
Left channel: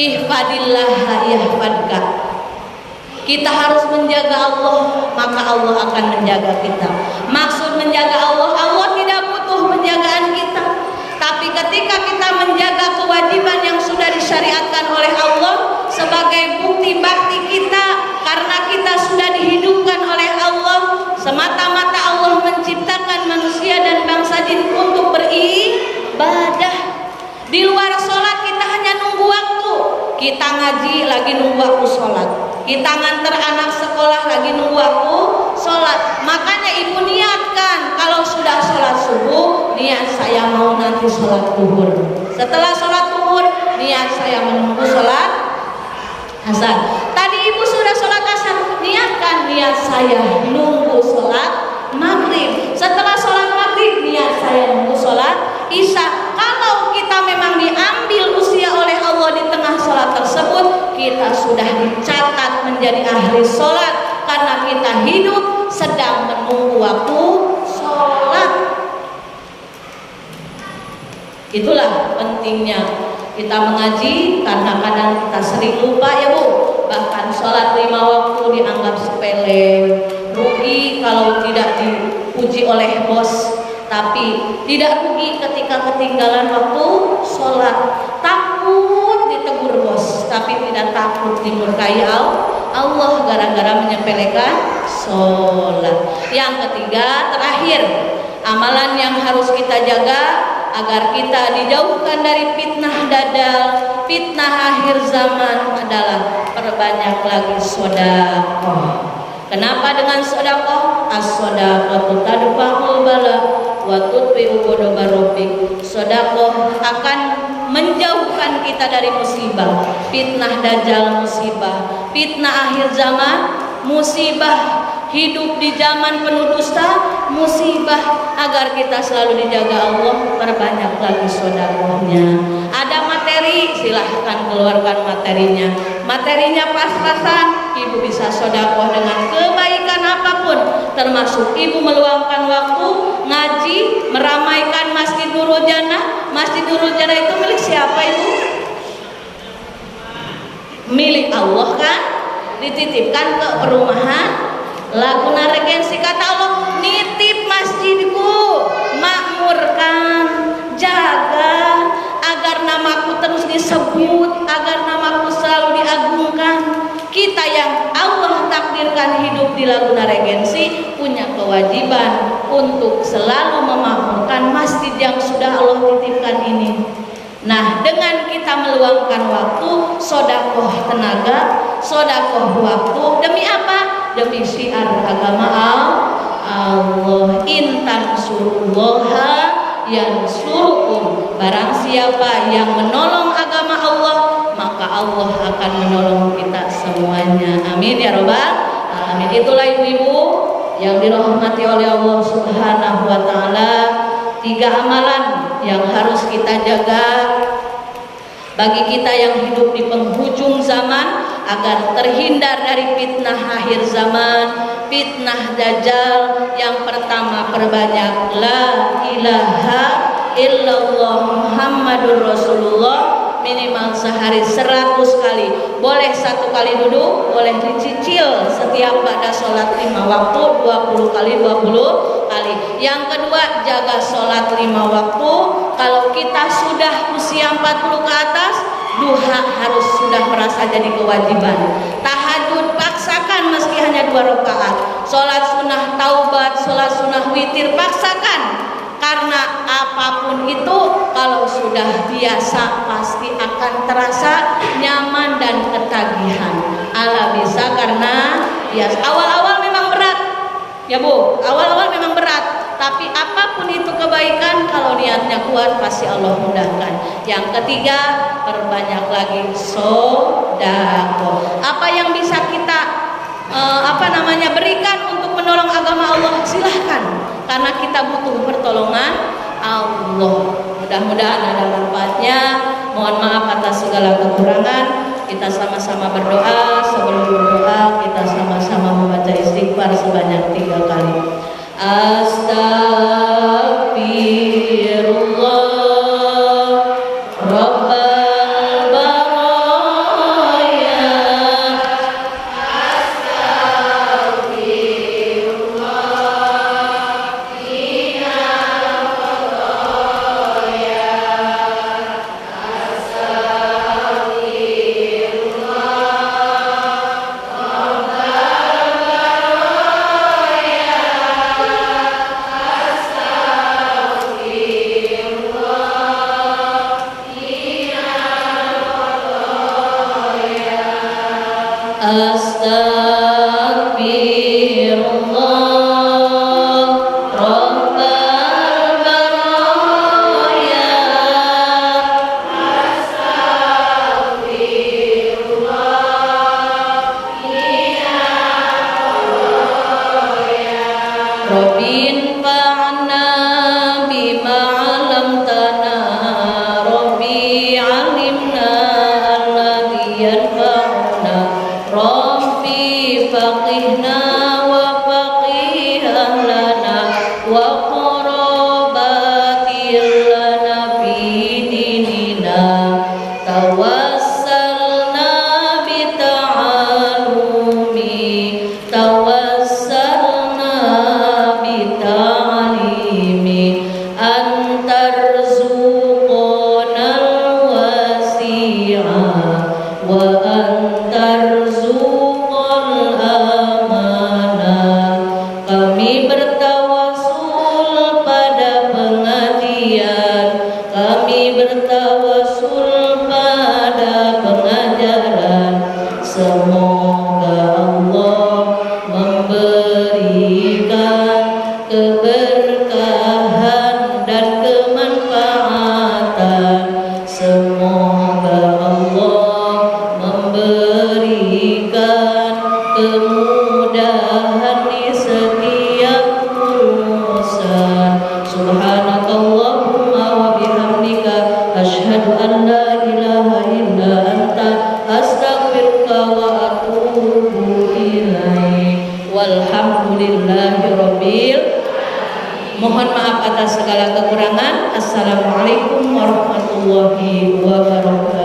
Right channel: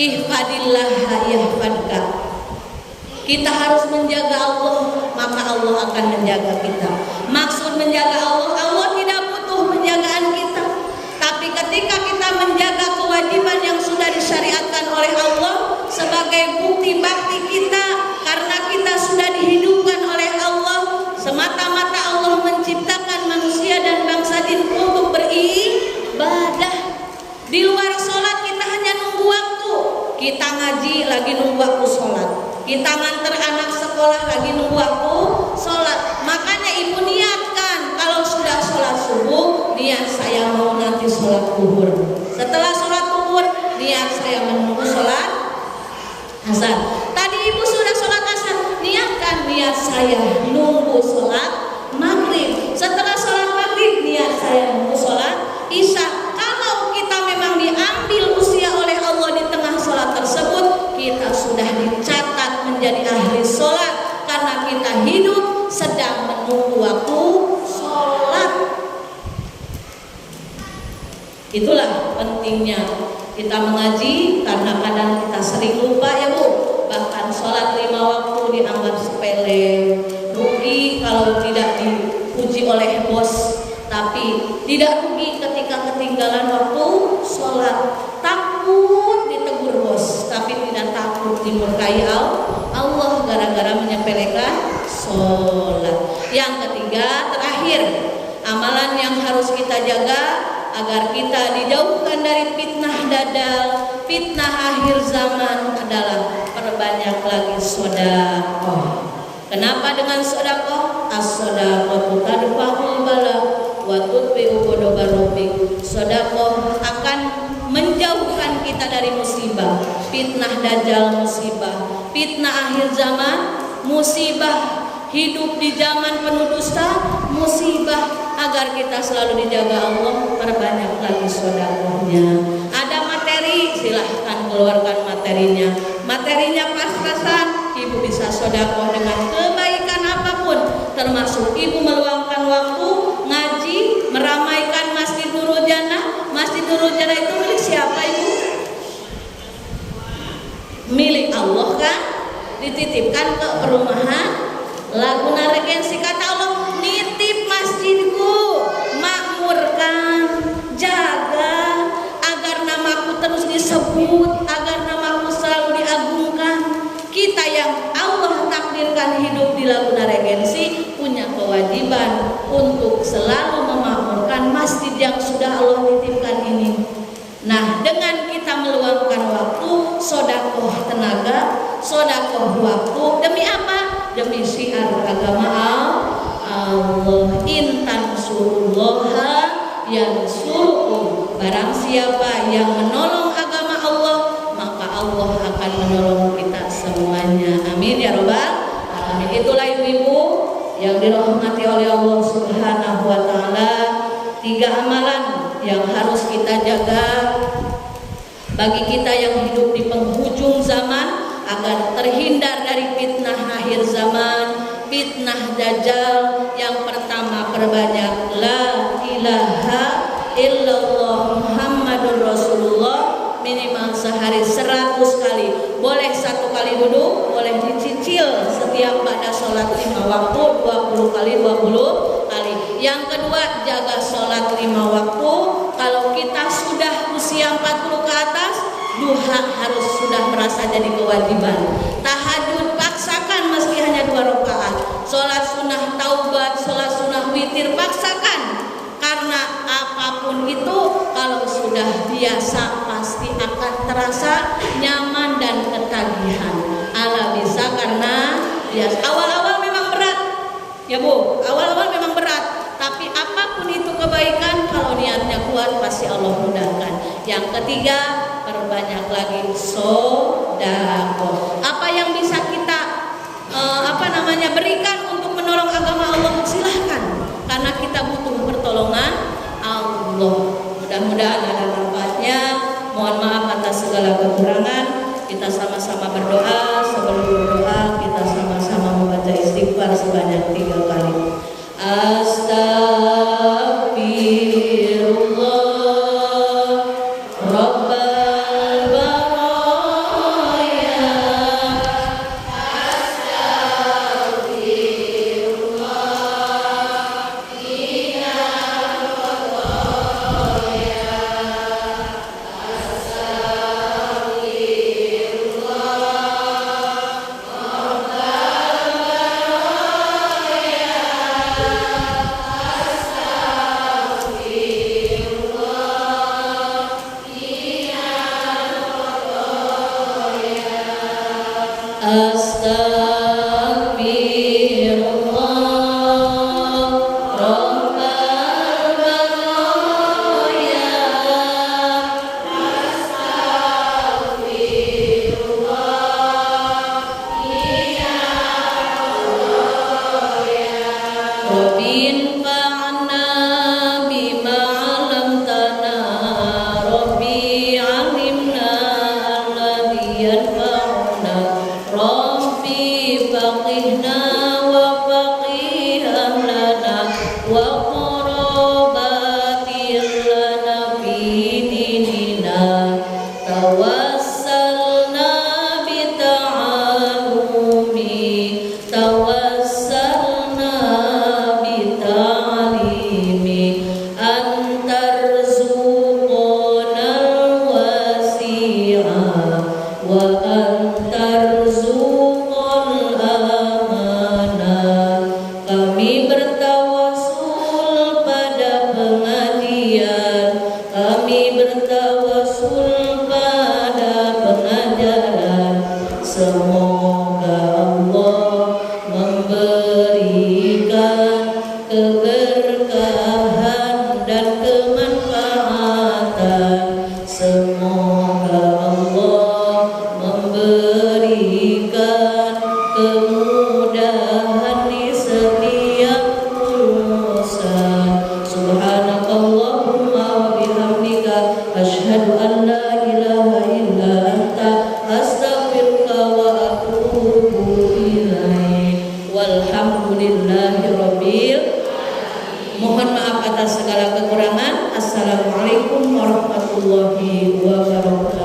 Ihfadillah yahfadka. Kita harus menjaga Allah, maka Allah akan menjaga kita. Maksud menjaga Allah, Allah tidak butuh penjagaan kita. Tapi ketika kita menjaga kewajiban yang sudah disyariatkan oleh Allah sebagai bukti bakti kita, karena kita sudah dihidupkan oleh Allah, semata-mata Allah menciptakan manusia dan bangsa jin untuk beribadah. Di luar sholat kita hanya nunggu waktu. Kita ngaji lagi nunggu waktu sholat. Kita nganter anak sekolah lagi nunggu waktu sholat. Makanya ibu niatkan kalau sudah sholat subuh, niat saya mau nanti sholat zuhur. Setelah sholat zuhur, niat saya menunggu sholat asar. Tadi ibu sudah sholat asar, niatkan niat saya nunggu sholat maghrib. Setelah sholat maghrib, niat saya nunggu sholat isya. Kalau kita memang diambil usia oleh Allah di tengah sholat tersebut, kita sudah dicatat menjadi ahli sholat karena kita hidup sedang menunggu waktu sholat. Itulah pentingnya kita mengaji, karena kadang kita sering lupa ya Bu. Bahkan sholat 5 waktu dianggap sepele, rugi kalau tidak dipuji oleh bos. Tapi tidak rugi ketika ketinggalan waktu sholat. Takut ditegur bos, tapi tidak takut dimurkai Allah gara-gara menyepelekan sholat. Yang ketiga, terakhir, amalan yang harus kita jaga agar kita dijauhkan dari fitnah dajjal, fitnah akhir zaman adalah perbanyak lagi sedekah. Kenapa dengan sedekah? As-shadaqatu tadfa'ul bala wa tudfi'u ghadabar rabbik. Sedekah akan menjauhkan kita dari musibah. Fitnah dajjal musibah, fitnah akhir zaman musibah, hidup di zaman penuh dusta musibah. Agar kita selalu dijaga Allah, perbanyak lagi sedekahnya. Ada materi, silahkan keluarkan materinya. Materinya pas-pasan, ibu bisa sedekah dengan kebaikan apapun, termasuk ibu meluangkan waktu ngaji, meramaikan Masjid Nurul Jannah. Masjid Nurul Jannah itu milik siapa Ibu? Milik Allah kan? Dititipkan ke perumahan Laguna Regensi. Kata Allah, nitip masjidku, makmurkan, jaga agar namaku terus disebut, agar namaku di Laguna Regensi punya kewajiban untuk selalu memakmurkan masjid yang sudah Allah titipkan ini. Nah, dengan kita meluangkan waktu, sodakoh tenaga, sodakoh waktu, demi apa? Demi syiar agama Allah. Intan surullaha yansurukum. Barang siapa yang menolong agama Allah, maka Allah akan menolong kita semuanya. Amin ya robbal alamin. Itulah ibu-ibu yang dirahmati oleh Allah Subhanahu wa taala, 3 amalan yang harus kita jaga bagi kita yang hidup di penghujung zaman, agar terhindar dari fitnah akhir zaman, fitnah dajjal. Yang pertama, perbanyak la ilaha illallah Muhammadur Rasulullah, minimal sehari 100 kali. Boleh 1 kali duduk, boleh dicicil setiap pada sholat 5 waktu 20 kali 20 kali. Yang kedua, jaga sholat 5 waktu. Kalau kita sudah usia 40 ke atas, duha harus sudah merasa jadi kewajiban. Tahajud paksakan meski hanya 2 rakaat. Sholat sunnah taubat, sholat sunnah witir paksakan. Karena apapun itu kalau sudah biasa pasti akan terasa nyaman dan ketagihan. Ala bisa karena biasa. Awal-awal memang berat, ya Bu. Awal-awal memang berat. Tapi apapun itu kebaikan, kalau niatnya kuat pasti Allah mudahkan. Yang ketiga, perbanyak lagi sedekah. Apa yang bisa kita berikan untuk menolong agama Allah, silahkan. Karena kita butuh pertolongan Allah. Mudah-mudahan ada manfaatnya. Mohon maaf atas segala kekurangan. Kita sama-sama berdoa. Sebelum berdoa, kita sama-sama membaca istighfar sebanyak 3 kali. Astagfirullah Rabbal baraya. Astagfirullah minal khataya. Astagfirullah Rabbal baraya. Rabbin fa'na bima 'allamtana. Rabbi 'allimna alladhi yanfa'una. Rabbi faqihna wa faqih ahlana wa qarabatir lana fi dinina. Tawassalna bita'alumi, tawassalna bita'alimi, antarzuqonal wasi'a wa antarzuqal amana. Kami bertawasul pada pengajian, kami bertawasul pada pengajaran. Semoga Allah memberikan keberkahan dan kemanfaatan. Semoga Allah memberikan kemudahan di setiap urusan. Subhanakallahumma wa bihamdika asyhadu an la ilaha illa anta astaghfiruka wa atubu ilaik. Walhamdulillahirabbil. Mohon maaf atas segala kekurangan. Assalamualaikum warahmatullahi wabarakatuh.